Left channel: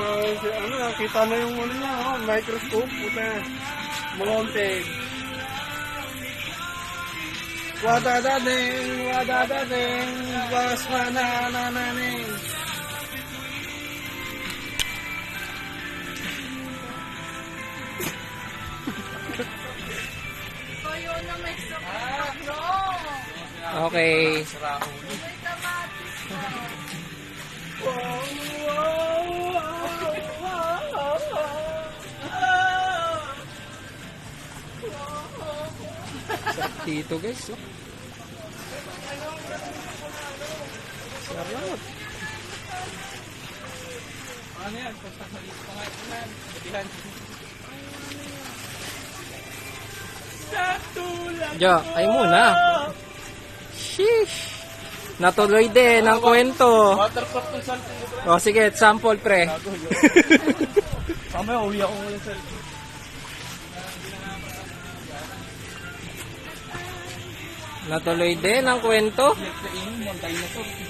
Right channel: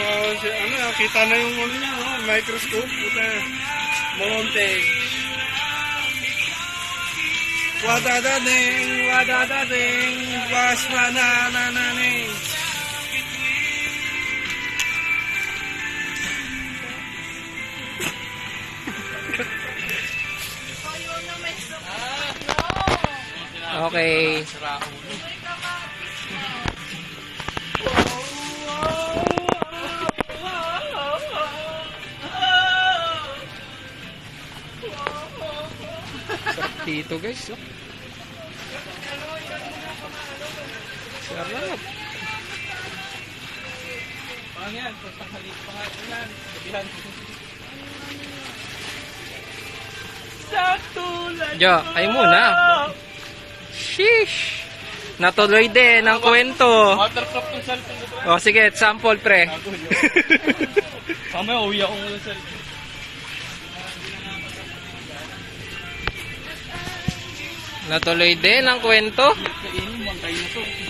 So, kita na yung ano niya, microscope. Puta. Mounted. Wadadading, was mananananing. Okay. Sarap dito guys. Oh. Sarap. Ano yan? Pagpagmaliit pa nga ito yan. Bagihan. Sa tulad Jo, ay muna. Sheesh. Natuloy din ang kwento. Watercraft ng cellphone ko. O sige, sample pre. Mamaya uwi ako ng cellphone. Natuloy din ang kwento. Kainin, bantay na to.